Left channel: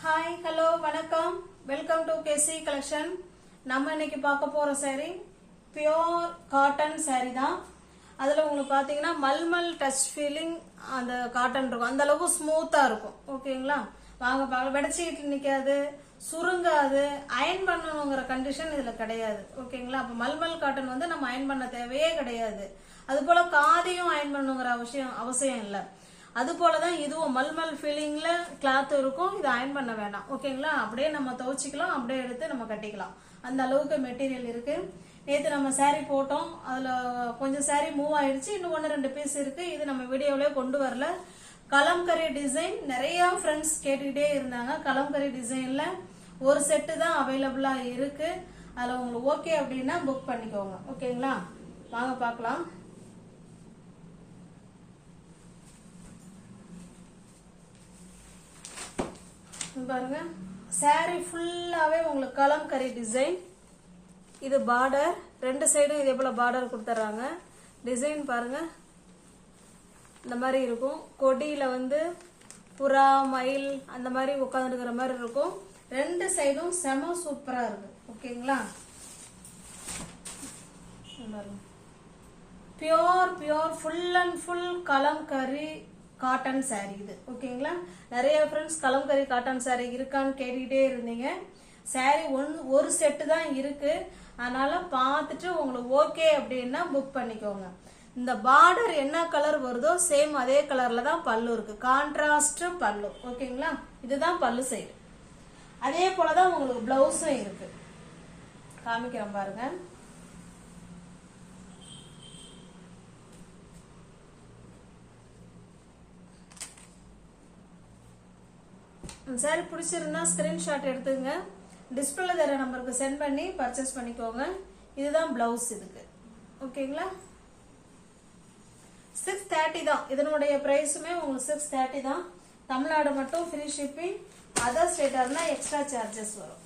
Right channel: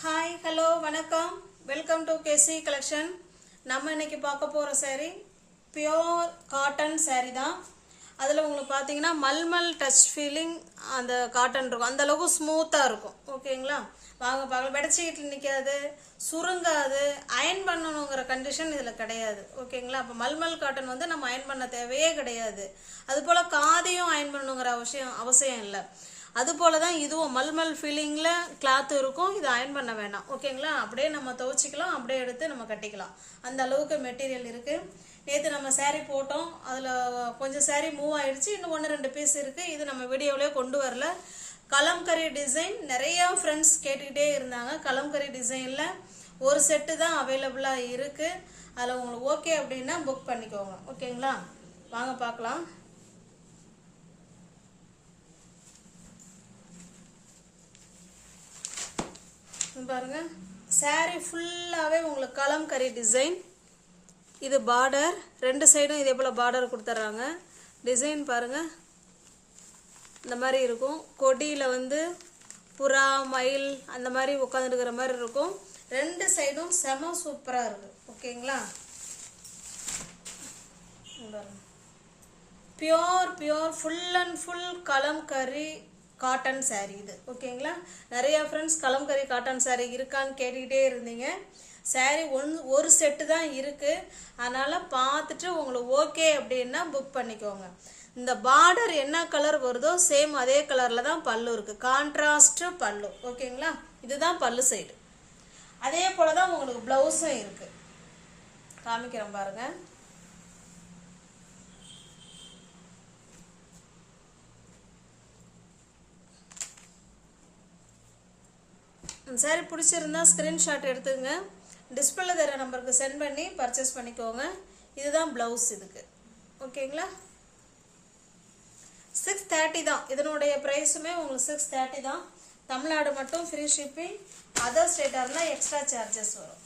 Hi hello வணக்கம் welcome to KC collection. நம்ம இன்னைக்கு பார்க்க போகிற saree பியோர் காட்டன் saree தான். அதில் உங்களுக்கு பார்த்தீங்கன்னா மல்மல் டச் ஃபீலிங் அந்த காட்டன் இருக்கும், அந்த அளவுக்கு ஸ்மூத்தாக இருக்கும். ஓகேங்களா, வாங்க பார்க்கலாம். வெடச்சிக்கிட்டு நிற்காது, சுருங்காது, அயன் பண்ணணுங்கிற கண்டிஷன் இதில் கிடையாது. ஓகேங்களா, அப்போ மல்மல் காட்டன் வந்து நம்ம அயன் பண்ண தேவையே கிடையாது. அதுபோல் காதையும் அயன் பண்ணணுங்கிற அவசியம் இல்லை. அது போல தான் இதுவும் மல்மல் ஃபீலிங்கில் கிளாத் இருக்கும். இது அயன் பண்ண வேண்டாம். ஓகேங்களா, அப்படியே நம்ம துவைச்சிக்கலாம், அப்படியே எடுத்து நம்ம கட்டிக்கலாம். அந்த அளவுக்கு மெட்டீரியல் இருக்குது. நேற்று நம்ம saree போட்டோம், அதில் கொஞ்சம் saree மூவ் ஆயிடுச்சு, இன்னும் 1-2 பீஸ் இருக்குது. இது நம்ம வீடியோவிலே கொண்டு வரல. கலம்கரி டிசைன் நிறையா ஃப்ரெண்ட்ஸ் கேட்டுக்கிட்டே இருந்தாங்க. கலம்கரி டிசைனில் ஒரு செட்டு தான் அவைலபிளாக இருக்குது. அதில் உங்களுக்கு ஓகே அப்படின்னா புக் பண்ணிக்கோங்க. ஓகேங்களா, வாங்க பார்க்கலாம். பாருங்க, saree ஃபுல்லாகவே உங்களுக்கு கலம்கரி டிசைன். இது பார்டர், 2 சைடும் இதே போல் பார்டர் கொடுத்துட்றாங்க. டிசைன் பாருங்க, இந்த மாதிரி இருக்கும். கொடியில் வந்து புறா மயில் அந்த மாதிரி உட்காந்துருக்கிற மாதிரி இருக்கும். 2 சைடும் செம சூப்பராக இருக்கு. ஓகேங்களா, pure full and full kalamkari cotton saree இது. ஓகேங்களா, நிறைய ஃப்ரெண்ட்ஸ் கலம்கரி காட்டன் saree இருக்கான்னு கேட்டுக்கிட்டே இருந்தீங்க. saree ஒரு செட்டு தான் இருக்கு. அதனால பார்த்துட்டு உங்களுக்கு ஓகே அப்படின்னா புக் பண்ணிக்கோங்க. இந்த பார்டர் என்ன கலர் வருதோ சேம் அதே கலர்ல தான் பல்லு இருக்கு, கான்ட்ராஸ்ட் பல்லு. ஓகேங்களா, இதுதான் பல்லு சைடு. அதே போலதான் உங்களுக்கு பிளவுஸும் இருக்கு. காமிக்கிறேன் பாருங்க. சாரி பிடிச்சிருந்தா ஸ்கிரீன்ஷாட் எடுத்துங்க, டிஸ்பிளே தர நம்பருக்கு சென்ட் பண்ணி பர்ச்சேஸ் பண்ணிக்கோங்க. இதுதான் பிளவுஸ் இதுக்கு. ஓகேங்களா, 630 தான் இதனுடைய பிரைஸுமே உங்களுக்கு 630 தான். தமிழ்நாடு மட்டும் ஃப்ரீ ஷிப்பிங், அதர் ஸ்டேட்டாக இருந்தால் எக்ஸ்ட்ரா சார்ஜஸ் வரும்.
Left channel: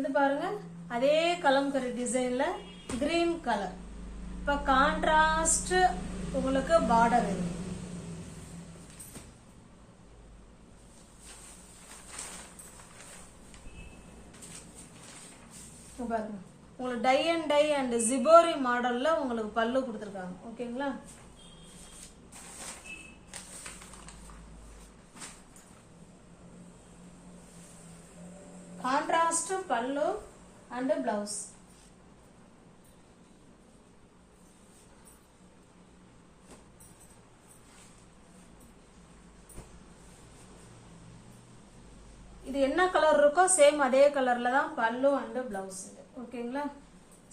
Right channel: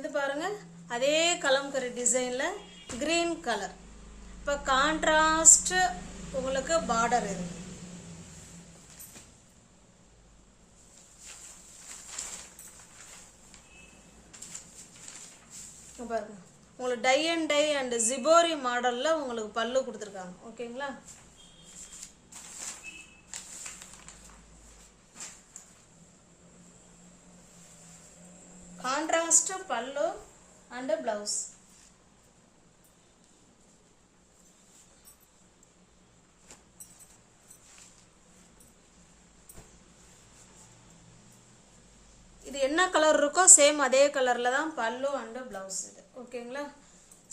இது பாருங்க, அதே கலம்கரி டிசைனில் கிரீன் கலர். இப்போ கான்ட்ராஸ்ட் உங்களுக்கு பார்டர் இருக்கு. பாருங்க, உங்களுக்கு டை அண்ட் ஜிபோரி மாடல்ல உங்களுக்கு பல்லு கொடுத்துருக்காங்க. ஓகேங்களா, கான்ட்ராஸ்ட் பல்லு அண்ட் பிளவுஸ். இது என்ன கலர் இருக்கோ சேம் அதே கலர்ல தான் பல்லு அண்ட் பிளவுஸ் இது. ஓகேங்களா,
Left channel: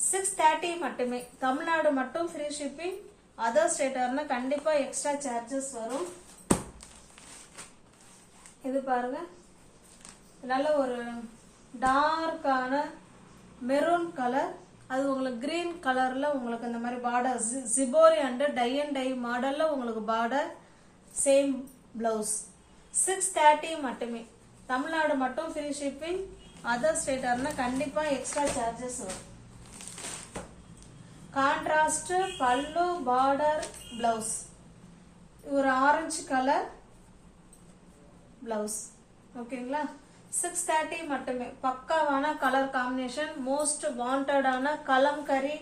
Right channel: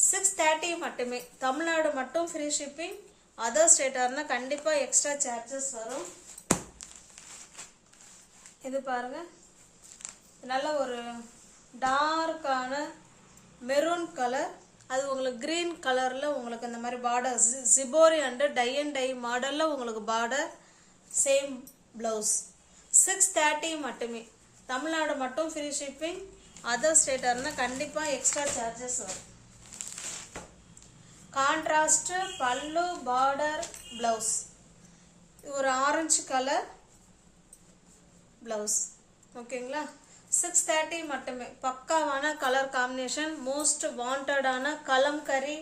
630 மட்டுமே. தமிழ்நாடு மட்டும் ஃப்ரீ ஷிப்பிங், அதர் ஸ்டேட்டா இருந்தா கண்டிப்பா எக்ஸ்ட்ரா சார்ஜஸ் வரும். இது பாருங்க, நல்ல ஒரு டார்க்கான மெரூன் கலர். அது உங்களுக்கு கிரீன் கலர்ல உங்களுக்கு இந்த மாதிரி பார்டர் ஜிபோரி அண்ட் டை மாடல்ல உங்களுக்கு பார்டர், சேம் பிளவுஸ். 630 மட்டுமே. தமிழ்நாடு மட்டும் ஃப்ரீ ஷிப்பிங், அதர் ஸ்டேட்டா இருந்தா கண்டிப்பா எக்ஸ்ட்ரா சார்ஜஸ் வரும். Contrast pallu, border, blouse. ஒரு ஆரஞ்சு கலர் பிளவுஸ். ஓகேங்களா, 630 மட்டுமே. பக்காவான கலர் காம்பினேஷன், மோஸ்ட் வாண்டடான கலம்கரி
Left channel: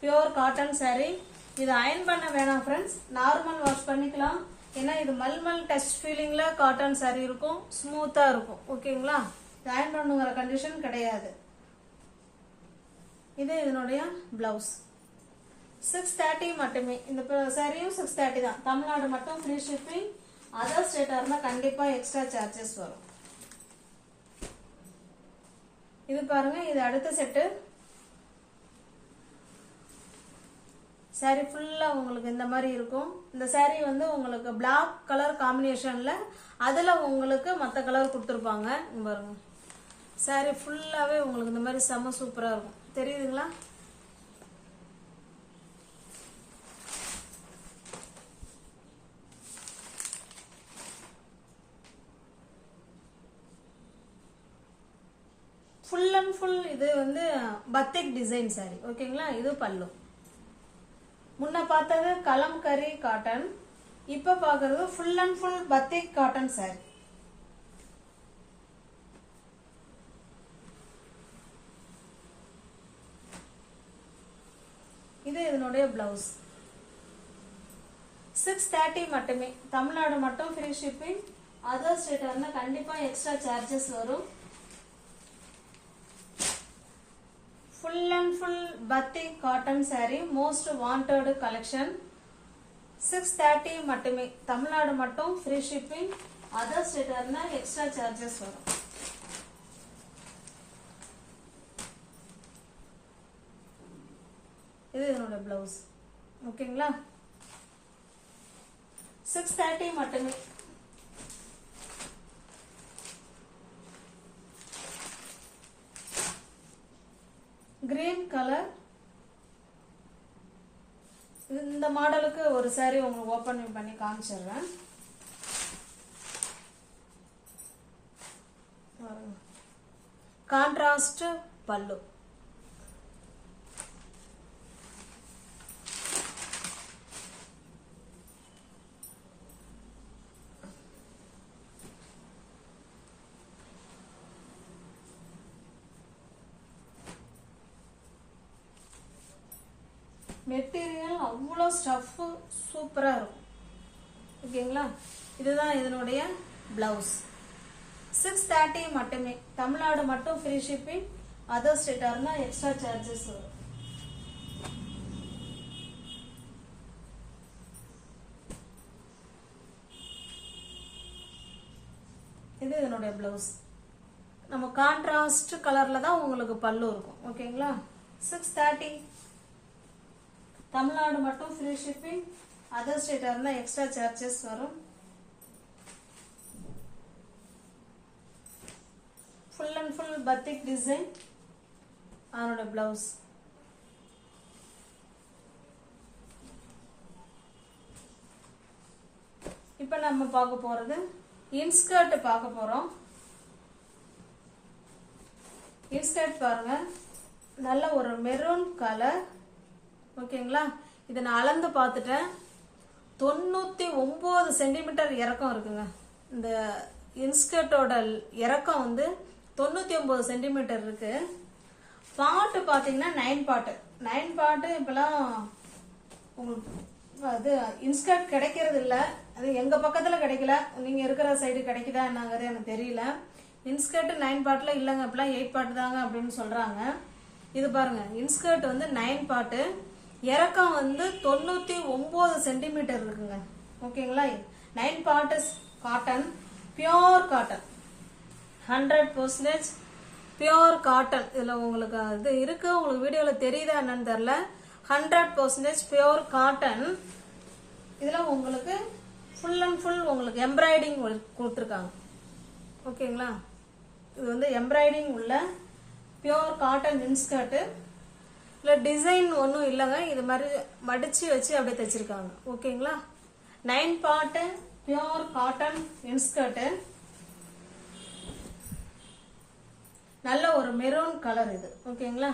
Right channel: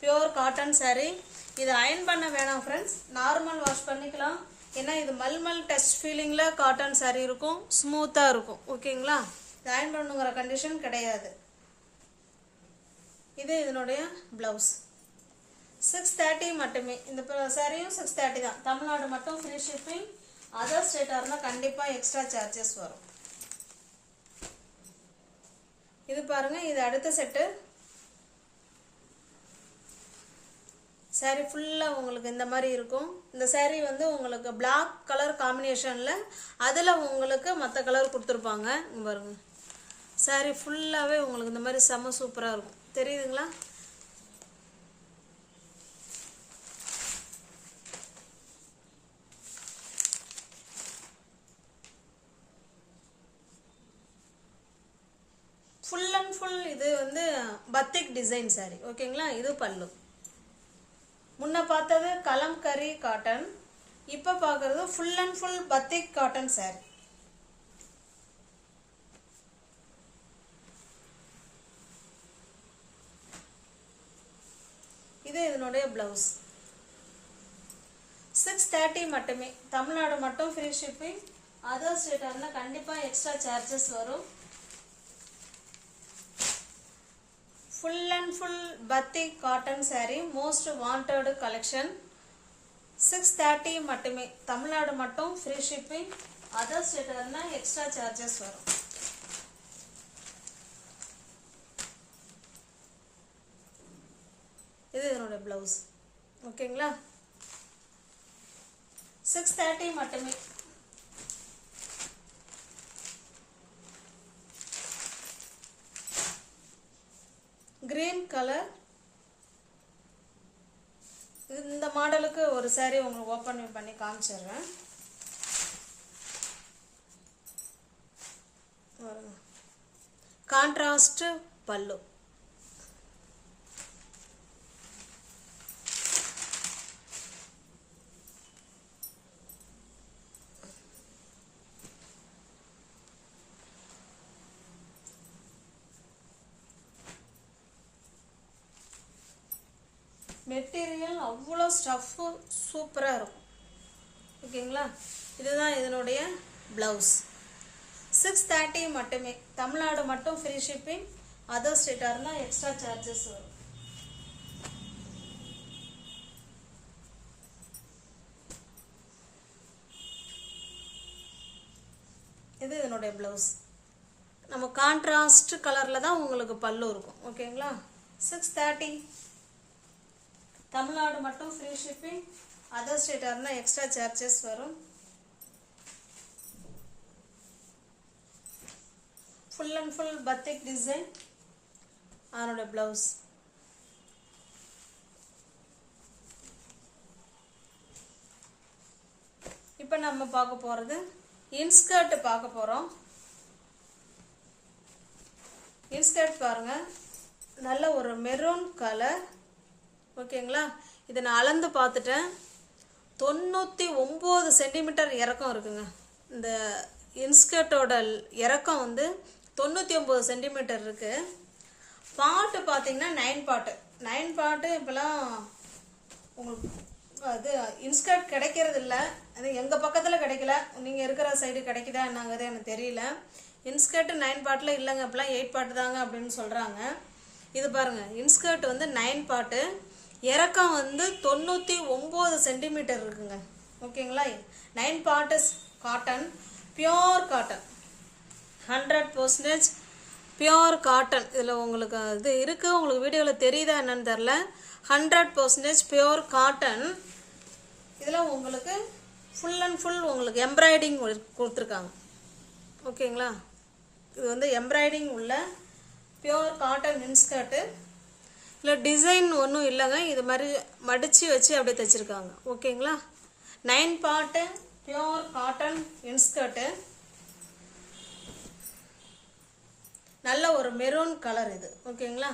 பியோர் காட்டன் saree. இது அயன் பண்ண வேணாம் ஃப்ரெண்ட்ஸ், நார்மல் வாஷ் பண்ணிக்கலாம். ஏன்னா இது மல்மல் டச் ஃபீலிங்ல காட்டன் saree இருக்கும், ஸ்மூத்தா இருக்கும். ஓகேங்களா, இது அயன் பண்ணுங்கிற கண்டிஷன் கிடையாது. இது இதனுடைய பிளவுஸ். 630 மட்டுமே. இந்த சாரியும் 630 தான். தமிழ்நாடு மட்டும் ஃப்ரீ ஷிப்பிங், அதர் ஸ்டேட்டா இருந்தா கண்டிப்பா எக்ஸ்ட்ரா சார்ஜஸ் வரும். இது பாருங்க, இது அடுத்த செட்டு. saree ஃபுல்லா உங்களுக்கு இந்த மாதிரி இருக்கும். இந்த saree வந்து உங்களுக்கு black கலர் காம்பினேஷன்ல, அதுல உங்களுக்கு மற்ற கலர் கொடுத்துருப்பாங்க. பாருங்க, saree ஃபுல்லாவே உங்களுக்கு இந்த மாதிரி செம சூப்பரா இருக்கும். தெரியுதுங்களா, ஃபுல் அண்ட் ஃபுல் இது வந்து பத்திக் டிசைன் saree. ஓகேங்களா, இது பல்லு. முன்ன பார்த்தது கலம்கரி காட்டன், இப்ப பார்க்கறது full and full batik cotton saree. இது இதனுடைய பிளவுஸ். 630 மட்டுமே. தமிழ்நாடு மட்டும் ஃப்ரீ ஷிப்பிங். அதர் ஸ்டேட்னா கண்டிப்பா எக்ஸ்ட்ரா சார்ஜஸ் வரும். Full and full batik cotton saree, most wanted collection. 630 மட்டுமே. தமிழ்நாடு மட்டும் ஃப்ரீ ஷிப்பிங். அதர் ஸ்டேட்னா எக்ஸ்ட்ரா சார்ஜஸ் வரும். இது என்னோட பிளவுஸ். ஓகேங்களா? 630 மட்டுமே. Green colour. இந்த மாடலுக்கு ஒரு saree உங்களுக்கு ஓபன் பண்ணி காமிச்சிடுறேன். கான்ட்ராஸ்ட் பல்லு. மெட்டீரியல் அவ்வளோ ஸ்டஃப்பு சூப்பராக இருக்கும். ஓகேங்களா? இதுதான் இதனுடைய பிளவுஸ். 630 மட்டுமே. தமிழ்நாடு மட்டும் ஃப்ரீ ஷிப்பிங். அதர் ஸ்டேட்டாக இருந்தால் எக்ஸ்ட்ரா சார்ஜஸ் வரும். இது இதனுடைய பிளவுஸ். நம்ம கான்ட்ராஸ்ட் கலரில் தான் உங்களுக்கு பல்லு இருக்கும். ஓகேங்களா? 630. தமிழ்நாடு மட்டும் ஃப்ரீ ஷிப்பிங். அதர் ஸ்டேட்டாக இருந்தால் எக்ஸ்ட்ரா சார்ஜஸ் வரும். Full and full பத்திக் design. அதனோட பிளவுஸ். இப்போ நம்ம பார்க்க போகிறது இன்ஸ்கர்ட் பார்க்க போகிறோம். இன்ஸ்கர்ட் பாருங்க, நல்ல ஒரு மெரூன் கலர். ஓகேங்களா? இதை நான் அளந்து பார்த்துட்டேன். 99 சென்டிமீட்டர் இறக்கம் இருக்குங்க. இந்த இன்ஸ்கர்ட்டோட இறக்கம் வந்து 99 சென்டிமீட்டர் இருக்கு. பாட்டு பார்த்தீங்கன்னா 9 பாட்டு. 9 பாட்டு இப்போலாம் உங்களுக்கு அது இன்ஸ்கர்ட் கிடைக்கிறது இல்லை. அது எங்கள் பக்கத்தில் கிடைக்கல. நீங்கள் இருக்கிற சைடு கிடைக்குதா என்னங்கிறது எனக்கு தெரியல. இன்ஸ்கர்ட் 9 பாட்டில் இல்லைங்க, இப்போலாம் 8 பாட்டு தாங்க அப்படின்னு சொல்கிறாங்க. இது பாருங்க, இன்ஸ்கர்ட் வந்து 9 பாட்டு, இறக்கம் வந்து 99 சென்டிமீட்டர் இருக்குங்க. ஓகேங்களா? 9 parts cotton, pure cotton, 100% pure cotton. இதில் உங்களுக்கு இது இருக்கு, உங்களுக்கு வீடியோவில் தெரியுதா என்னன்னு தெரில. 100% பியோர் காட்டன். இதில் உங்களுக்கு ஃபுல் அண்ட் ஃபுல் உங்களுக்கு எம்ப்ராய்டிங் கொடுத்துருக்காங்க. ஓகேங்களா? இது வந்து எம்ப்ராய்டிங் உள்ள பியோர் காட்டன் இன்ஸ்கர்ட்டு. இல்லை டிசைன் ஒன்றும் இல்லைங்க, இது மாதிரி மடித்து வச்சு அப்படியே தைச்சிருக்காங்க. ஓகேங்களா? 9 பார்ட்டு பியோர் காட்டன் இன்ஸ்கர்ட்டு. நல்ல ஒரு மெரூன் கலர் இது. ஓகேங்களா?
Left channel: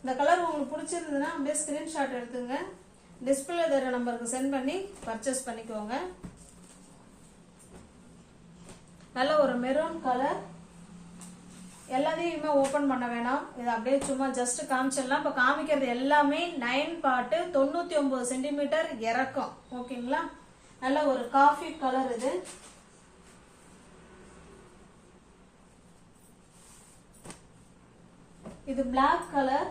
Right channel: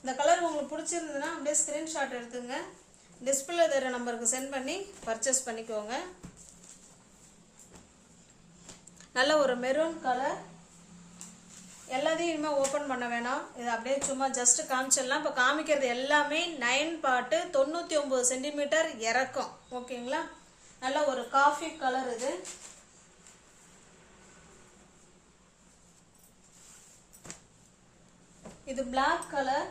இந்த கலர் உங்களுக்கு பிடிச்சிருந்ததுன்னா அப்படியே ஸ்க்ரீன்ஷாட் எடுத்துங்க, டிஸ்பிளே தர நம்பருக்கு சென்ட் பண்ணி பர்ச்சேஸ் பண்ணிக்கோங்க. நல்ல ஒரு மெரூன் கலர். எல்லாத்தையும் இனிமேல் ஓப்பன் பண்ண வேணாம், இது அப்படியே சும்மா ஜஸ்ட் காமிச்சிடலாம். இப்போ காமிக்கிறது எல்லாமே 9 பார்ட்டு, 99 சென்டிமீட்டர் இறக்கம். ஓகேங்களா? நல்ல ஒரு காஃபி கலர் இது. இது பிளாக் கலர்.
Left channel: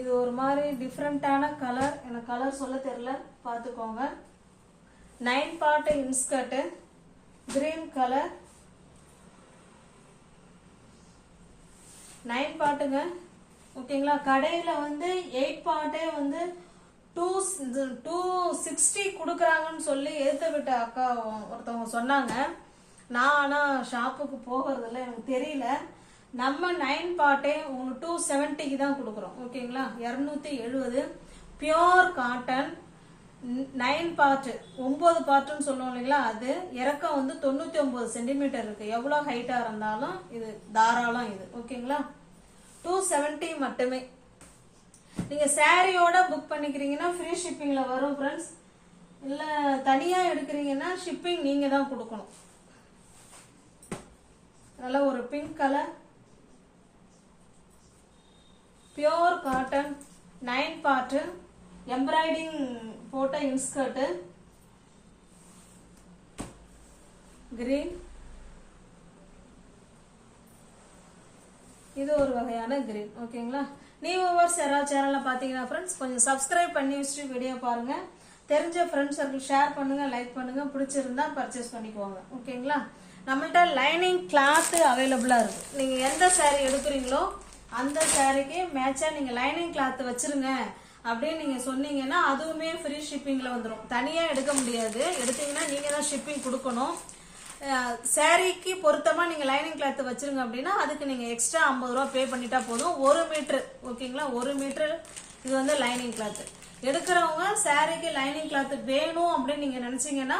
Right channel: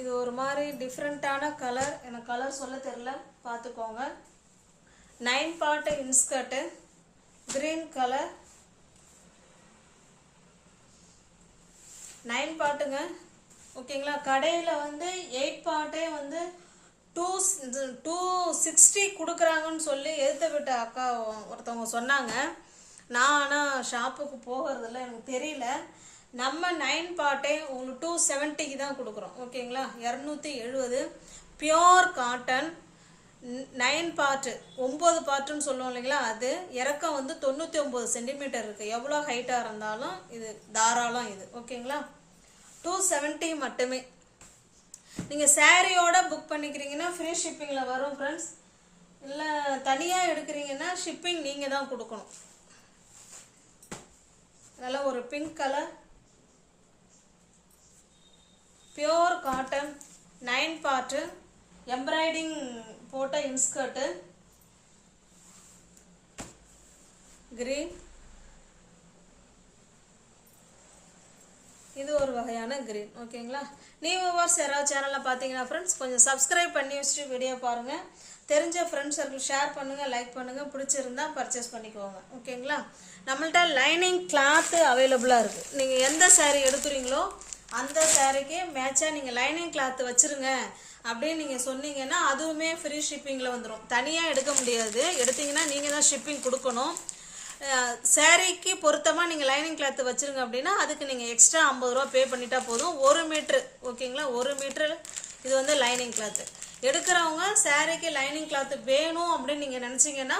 இது ஒரு மாதிரி டிஃப்ரெண்டான கலர், எனக்கு கலர் சொல்ல தெரியல, பார்த்துக்கோங்க. 9 பார்ட் இன்ஸ்கர்ட், கிரீன் கலர். 9 பார்ட்டுங்க. ஓகேங்களா? கடையில் வந்து 8 பார்ட்டே வந்து 260 கொடுக்குறாங்கன்னு சொல்லி எடுத்து விட்ட அக்கா ஒருத்தவங்க சொன்னாங்க. நான் ஆனால் ஷாப்புக்கு போகிறதில்ல, எனக்கு தெரியல. நம்ம 9 பார்ட்டே உங்களுக்கு 270க்கு தான் கொடுக்குறோம். ஓகேங்களா? 270 பியோர் காட்டன் 9 பார்ட்டு, 9 பார்ட்டுன்னு சொல்லுவோம் இல்லைங்களா? அது இறக்கம் வந்து 99 சென்டிமீட்டர் இருக்கு. எவ்வளோ ஹைட்டாக இருந்தாலும் இது தாராளம் இது. ஓகேங்களா? 270 மட்டுமே. நீங்கள் சாரியோட புக் பண்ணிக்கிறீங்கன்னா ஃப்ரீ ஷிப்பிங்கில் வரும் ஃப்ரெண்ட்ஸ். இல்லை தனியாக எடுக்கிறீங்கன்னா ஷிப்பிங் நீங்கள் தான் கொடுக்கணும். நல்ல ஒரு pink colour pure cotton 9 part embroidering போட்ட இன்ஸ்கர்ட் கிரீன். இது ஒரு வகையான கிரீன். ஓகேங்களா? நீ வியூவர்ஸ் யாராவது சேனலில் பார்த்தீங்கன்னா ஃப்ரெண்ட்ஸ் கொஞ்சம் சப்ஸ்கிரைப் பண்ணி வச்சுட்டு வீடியோ பாருங்கள். தெரிஞ்ச ஃப்ரெண்ட்ஸ் சர்க்கிள் ஷேர் பண்ணுங்கள், லைக் பண்ணுங்கள், பிடிச்சிருந்தா பர்ச்சேஸ் பண்ணிக்கோங்க. ஓகேங்களா? நம்மள்ட்ட லைனிங் கிளாத்து அவைலபிளாக இருக்குது. நீங்கள் எந்த சாரீ எடுக்கிறீங்களோ அந்த சாரீக்கு மேட்சாக நீங்கள் லைனிங் கிளாத்து வச்சுருங்க அப்படின்னு நீங்கள் சொன்னீங்கன்னா அதுவுமே ஃப்ரீ ஷிப்பிங்கில் வந்துடும். தனியாக எடுக்க முடியாது. எடுத்தீங்கன்னா நீங்கள் தான் ஷிப்பிங் கொடுக்கணும். சாரீக்கு பொருத்தமாக நீங்கள் லைனிங் கிளாத்து வச்சுருங்க அப்படின்னா அதுக்கு நீங்கள் எக்ஸ்ட்ரா 50 ரூபா பே பண்ணிட்டா போதும். 1 மீட்ரு. ஓகேங்களா? 1 மீட்ரு இது வந்து லைனிங் கிளாத்து. எடுக்கிறவங்க சாரீக்கு லைனிங் கிளாத்து வேணும் அப்படின்னு நீங்கள் நினச்சிங்கன்னா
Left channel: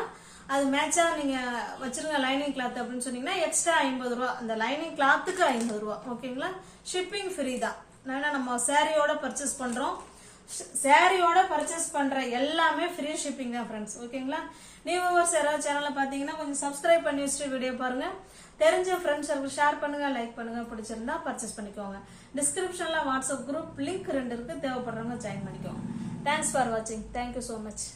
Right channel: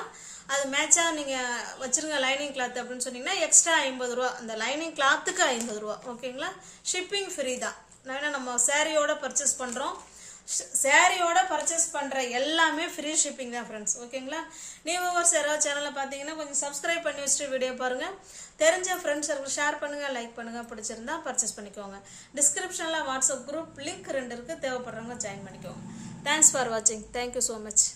அது மேட்சாக நீங்கள் வச்சுருங்க லைனிங் கிளாத் அப்படின்னு சொன்னீங்கன்னா எக்ஸ்ட்ரா 50 ரூபா. அந்த லைனிங் கிளாத்துக்கு 50 ரூபா. ஓகேங்களா? ஷிப்பிங் ஃப்ரீ தான். ஏன்னா நம்ம சாரியோட பர்ச்சேஸ் பண்ணுறோம். சாரியோட பர்ச்சேஸ் பண்ணுற எல்லாமே ஃப்ரீ ஷிப்பிங் தான் ஃப்ரெண்ட்ஸ். ஓகேங்களா? நியூ வியூவர்ஸ் யாராவது சேனலில் பார்த்தீங்கன்னா கொஞ்சம் சப்ஸ்கிரைப் பண்ணி வச்சுட்டு வீடியோ பாருங்கள். தெரிஞ்ச ஃப்ரெண்ட்ஸ் ஷேர் பண்ணுங்கள், லைக் பண்ணுங்கள், பிடிச்சிருந்தா பர்ச்சேஸ் பண்ணிக்கோங்க. டிஸ்கிரிப்ஷனில் வாட்ஸ்அப் குரூப் லிங்க் 2 இருக்குது. தேவைப்படுறவங்க ஜாயின் பண்ணிக்கோங்க. தேங்க்ஸ் ஃபார் வாட்சிங். Thank you so much.